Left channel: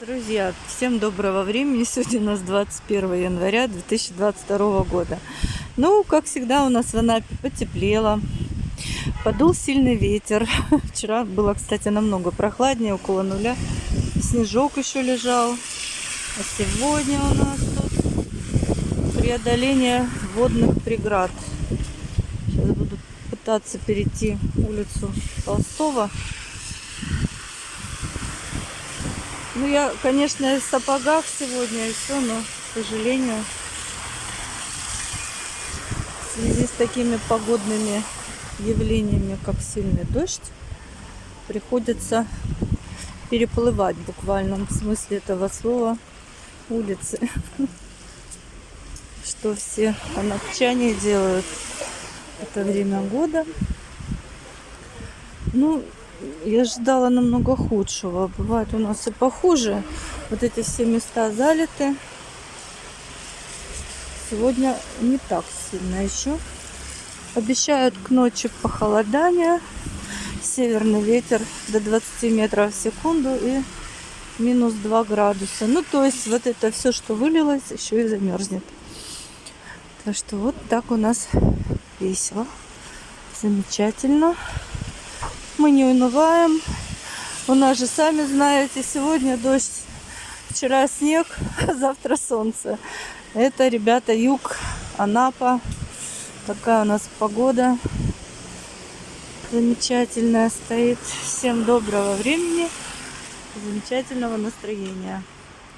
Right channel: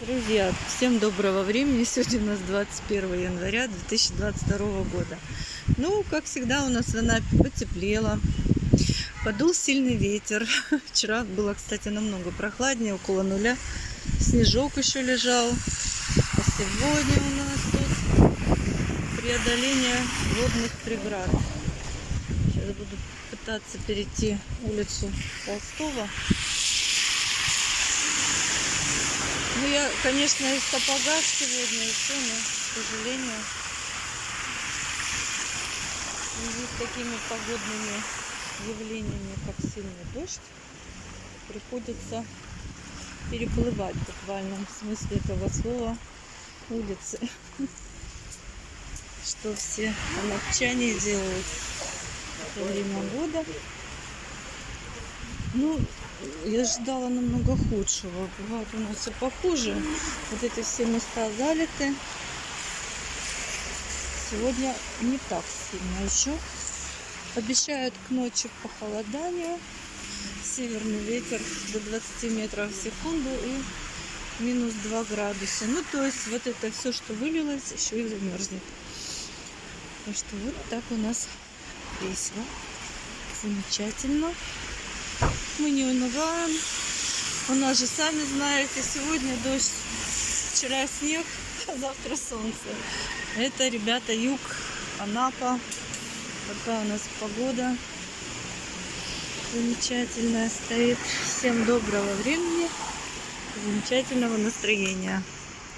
Друзья, всем доброго времени. Сегодня у нас 21 января 2022 года. Ну, как всегда, у нас в Анапе потеплело. Подул сильный ветер. Вчера было, кстати, намного прохладнее, около нуля. Снежок еще лежал. А сегодня у нас тут преодоление водных преград. Сейчас буду пытаться перейти улицу Толстого. Ну, я, конечно, в сапогах сегодня и все, но, к сожалению, в связи с такими погодными явлениями, как сильный дождь, приходится переплывать в буквальном смысле этого слова улицы. Что все анапчане делают в это время года. Ну, я ожидала намного худшего. Бывает у нас и похуже. Вот эти все места залиты. Сегодня не так сильно еще. Обещают к ночи похолодание. Северный ветер до 20 метров в секунду и минус 2 градуса. Ну, то есть вот это все, что вылилось, еще и замерзнет. Так что вот так у нас весело. Замечательно. Мы не унываем. У нас же, сами знаете, сегодня дождь, вчера снег, завтра солнце. Это, ребята, юг, Анапа. Такая у нас погода замечательная стоит. Всем доброго времени, замечательного настроения.